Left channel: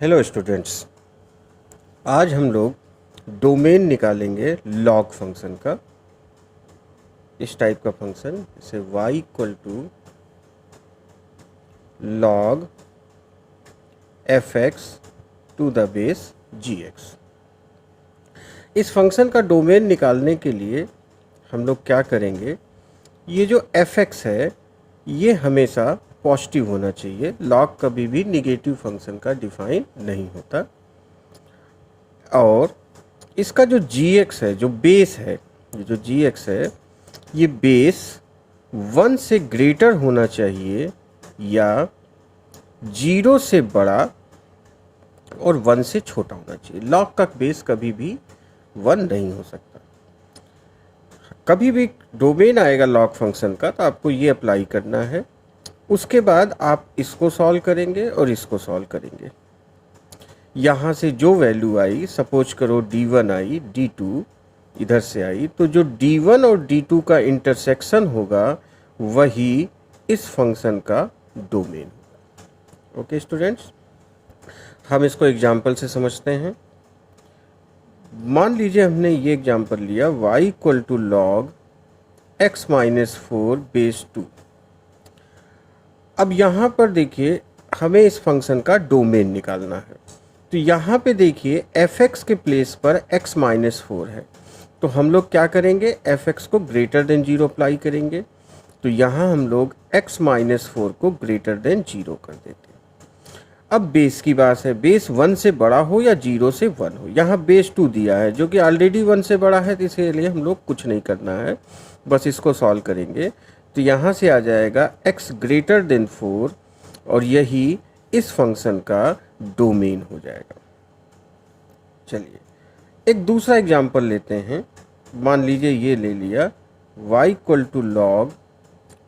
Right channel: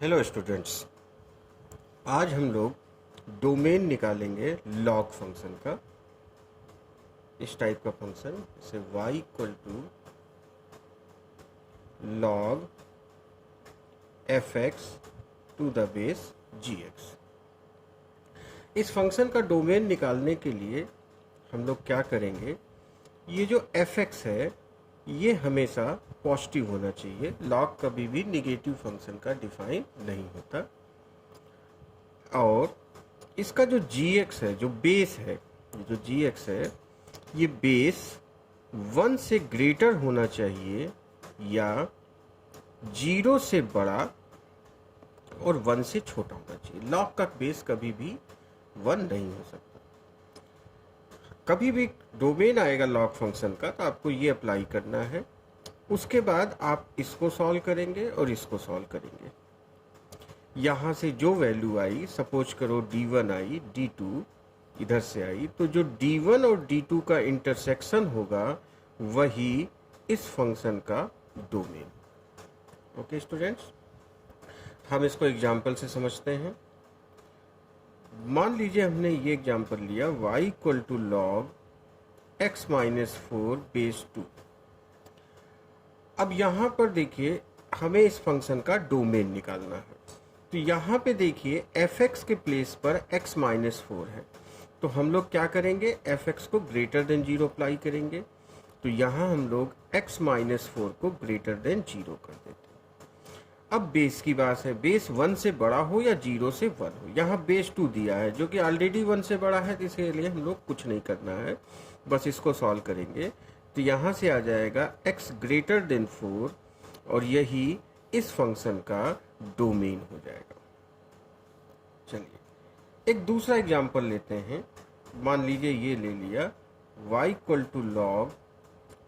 Hello students, आज हम लोग डोमेन निकालेंगे लॉग फंक्शन का। इस टाइप का फंक्शन जैसे y equal to log fx to the base gx। इस फंक्शन का डोमेन निकालने के लिए हम लोग क्या करेंगे, ये जो fx है ये हमेशा पॉजिटिव होना चाहिए। लॉग कभी भी निगेटिव फंक्शन का डिफाइन नहीं होता। और इसका जो gx है, जो बेस है, ये जो gx है ये बेस 1 से ग्रेटर होना चाहिए या 0 से बड़ा और 1 से छोटा होना चाहिए। लॉग का बेस कभी भी 1 नहीं हो सकता। कभी भी डोमेन आएगा लॉग फंक्शन का तो आपको ये अप्लाई करना है। उसके बाद आप इसको सॉल्व करेंगे और इसको सॉल्व करेंगे। यहाँ से जो वैल्यू आई, सपोज करो d1 आई, d2 इधर से आई, तो जो d1 और d2 का इंटरसेक्शन होगा वही इस फंक्शन का डोमेन। ओके स्टूडेंट्स, हम इसको एग्जाम्पल से समझते हैं। मान लीजिए हमने ये एग्जाम्पल लिया y equal to log x minus 4 base 2। अब यहाँ पर देखिए हमें इस फंक्शन का डोमेन निकालना है। तो यहाँ पे देखिए fx के प्लेस पर x माइनस 4 है, तो हम लोग क्या करेंगे, fx को ग्रेटर देन 0 अप्लाई करेंगे। तो यहाँ हम लोग x माइनस 4 को ग्रेटर देन 0 कर देते हैं। अब बेस की बात है, बेस 1 से बड़ा हो या 0 से 1 हो। यहाँ बेस 2 दिया है जो कि ऑलरेडी 1 से बड़ा है, तो इसके हम लोग कुछ नहीं करना है, बस इसको सॉल्व करेंगे। तो यहाँ से आ जाएगा x ग्रेटर देन 4 और यही इस फंक्शन का डोमेन हो जाएगा। चलिए एक दूसरा एग्जांपल लेते हैं। मान लीजिए ये ले लिया y equal to log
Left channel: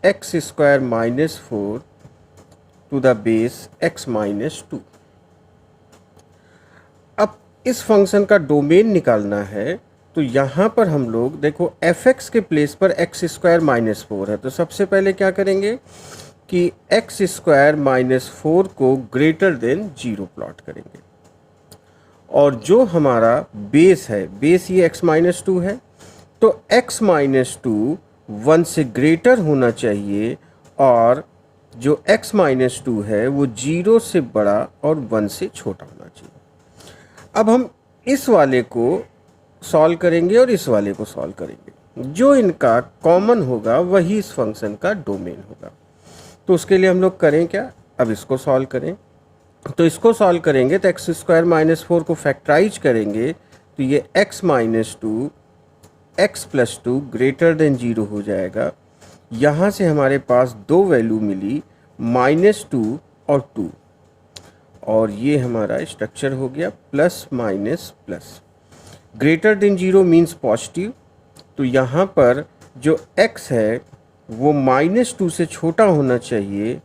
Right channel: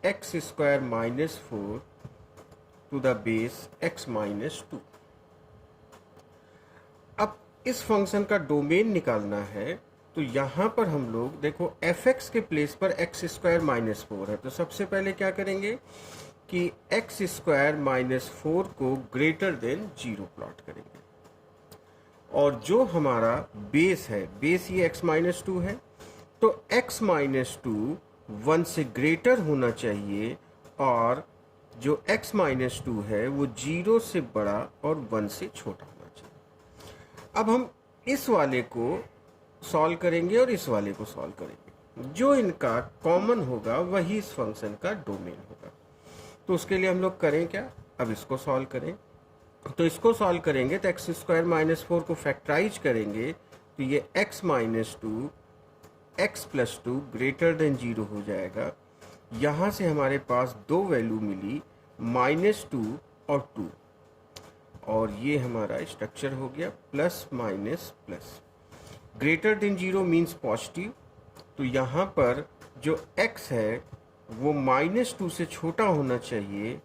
x square minus 4 to the base x minus 2। अब इस फंक्शन का डोमेन निकालना है, तो यहाँ पर हम लोग देखो fx के प्लेस पर एक्स स्क्वायर माइनस 4 है, तो सबसे पहले क्या करेंगे कि एक्स स्क्वायर माइनस 4 को ग्रेटर देन 0 प्लॉट करेंगे। और जो हमारा बेस है, बेस ये x माइनस 2 है, तो x माइनस 2 1 से ग्रेटर होना चाहिए और जो x माइनस 2 है वो 0 से बड़ा और 1 से छोटा होना चाहिए। अब हम इस वाले को सॉल्व करेंगे और इस वाले को सॉल्व करेंगे। जो इनका कॉमन होगा वही इस फंक्शन का डोमेन होगा। तो उसके लिए हम लोग करें क्या, अब इसको सॉल्व करें। तो इसको सॉल्व करेंगे तो एक्स स्क्वायर माइनस 4 को फैक्टराइज करेंगे तो ये x minus 2 x plus 2 greater than 0 हो जाएगा। यहाँ से हमारे पास दो वैल्यू मिली, माइनस 2 और 2, और ये हमारा स्ट्रक्चर हो गया plus minus plus. Greater than 0 means positive, तो यहाँ पर जो x है वो माइनस 2 से छोटा होना चाहिए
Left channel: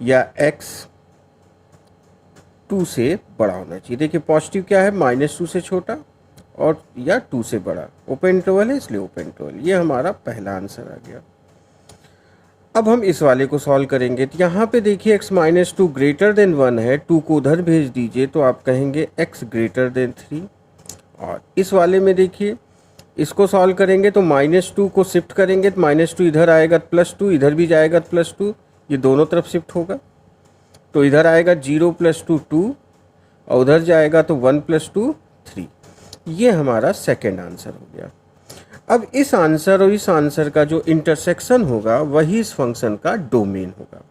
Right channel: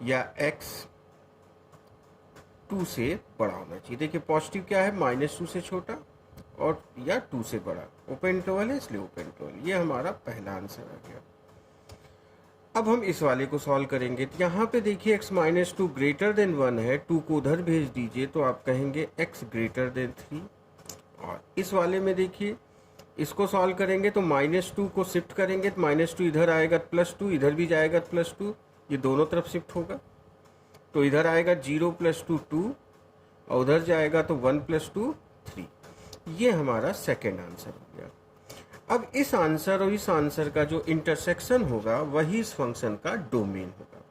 या x 2 से बड़ा होना चाहिए। देखिए पॉजिटिव क्या है, माइनस 2 से छोटा और या 2 से बड़ा। ओपन इंटरवल है इसलिए ओपन इंटरवल। ये हमारा पहला आंसर आ गया। अब हम इस वाले को सॉल्व करेंगे। तो यहाँ पे देखिए x माइनस 2 ग्रेटर देन 1 है, 2 को उधर भेज दीजिए तो आप कहेंगे x ग्रेटर देन 3। और इस वाले में देखिए इसको सॉल्व करेंगे तो माइनस 2 को शिफ्ट करेंगे तो माइनस 2 इधर आएगा प्लस 2, इधर भी जाएगा प्लस 2, ये दोनों तरफ शिफ्ट होगा। तो इधर आएगा 0 प्लस 2 2 और उधर जाएगा तो 1 प्लस 2 3। ये हमारा सेकेंड आंसर हो गया। अब इस आंसर और इस आंसर का जो इंटरसेक्शन होगा वही इस फंक्शन का डोमेन होगा।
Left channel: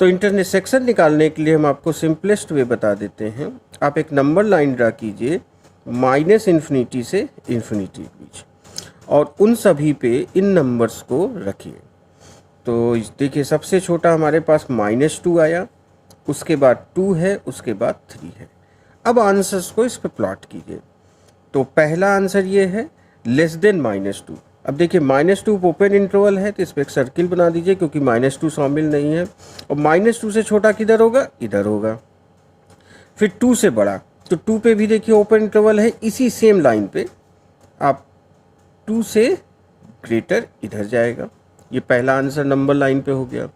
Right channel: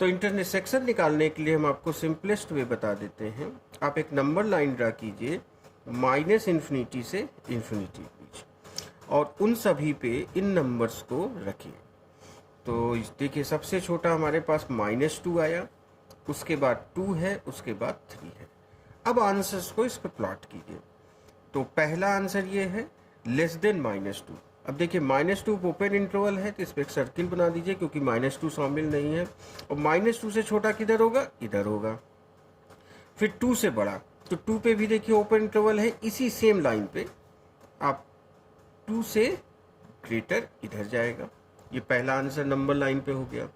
तो इंटरसेक्शन निकालने के लिए हम आपको सिंपलेस्ट वे बता देते हैं। आप एक नंबर लाइन ड्रा कीजिए माइनस इन्फिनिटी से इन्फिनिटी के बीच और उन सभी पे इन नंबर्स को रखिए। तो देखिए सबसे छोटा हमारे पास माइनस 2 आया, उसके बाद 2 है, उसके बाद 3 है। अब आंसर्स को इस पर प्लॉट कीजिए। तो पहला आंसर ये है लेस देन माइनस 2। अब देखिए माइनस 2 ओपन इंटरवल है तो इस पर एक सर्किल बना दीजिए क्योंकि माइनस 2 शामिल नहीं है। और माइनस 2 से छोटा किधर होगा, इधर होगा। फिर 2 से बड़ा, तो 2 पे भी देखिए ओपन इंटरवल है, इसी सेम लाइन पे आप 2 से ग्रेटर इधर जाएगा। ये पहला आंसर नंबर लाइन पे हो गया।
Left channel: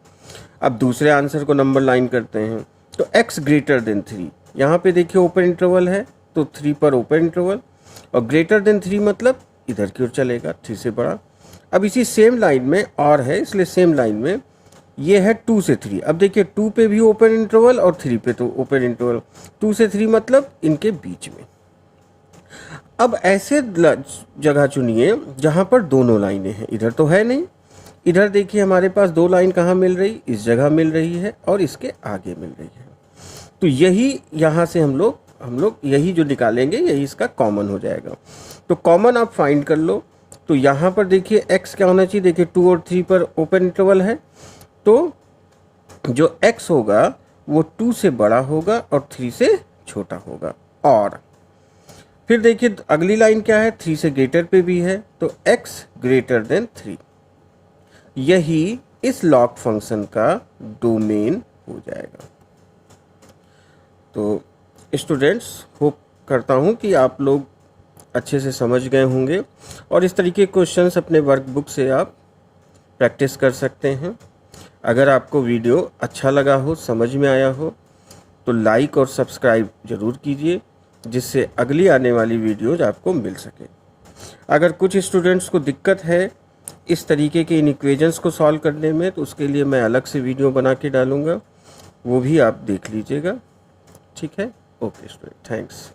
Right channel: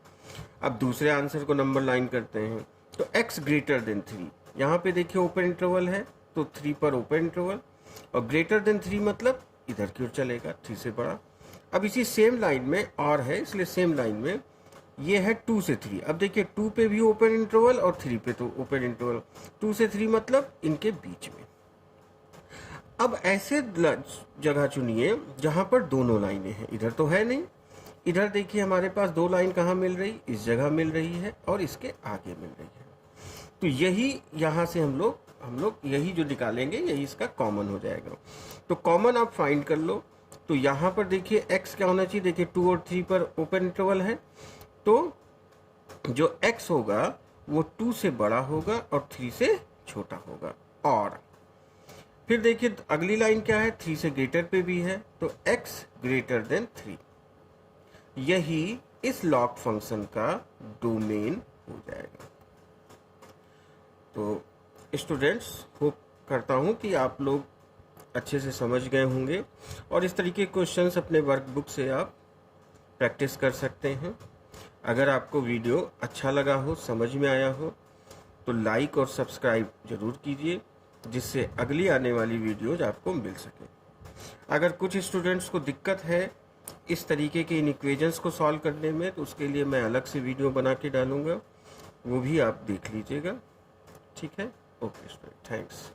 अब दूसरे आंसर को नंबर लाइन करते हैं। तो x ग्रेटर देन 3, यहाँ पे देखिए ओपन इंटरवल है तो 3 पर ओपन इंटरवल, और ग्रेटर देन 3 मतलब इधर की ओर चलेगा, 3 से बड़ा। अब इसी सेम लाइन में और है, इसलिए सेम लाइन में ये है 2 से 3। अब देखिए 2 पे भी ओपन इंटरवल और 3 पे तो ओपन इंटरवल, 2 से 3 मतलब इनके बीच में। अब ऐसे जगह चुनिए जहाँ पर दोनों लाइनें हैं, इधर तो है नहीं, इधर देखिए हमारे पास 2 लाइन कहाँ मिल रही, इस जगह मिल रही है और इसके आगे मिल रही है। तो यही यहाँ से हम लोग यही जो निकालेंगे यही इसका कॉमन हो जाएगा। तो कॉमन आप फाइंड कर लो। तो यहाँ पर देखिए x क्या होना चाहिए, देखिए 2 और 3 पर ओपन इंटरवल है, तो जो x होगा वो 2 से बड़ा होगा और 3 से छोटा होगा। और फिर देखिए अगली लाइन क्या है, 3 से ग्रेटर पे भी है, तो x ग्रेटर देन 3, यही इस लॉग फंक्शन का डोमेन हो जाएगा। तो स्टूडेंट्स, होप करता हूँ कि आप लोग अच्छे से समझ गए होंगे और इस तरीके के क्वेश्चंस अपने वर्कबुक से आप प्रैक्टिस कर सकते हैं। अगर आपको वीडियो अच्छा लगा हो, समझ में आया हो, तो लाइक और सब्सक्राइब ज़रूर कीजिए, जिससे अगली आने वाली वीडियोज आपको मिल सके। अगर कुछ स्टूडेंट्स को दिक्कत है इस तरीके के इन इक्वेशंस को सॉल्व करने में, तो उसके लिए मैं अलग से वीडियो बना के डालूँगा, वो भी आप देख लीजिएगा। ठीक है, ओके स्टूडेंट, थैंक्स।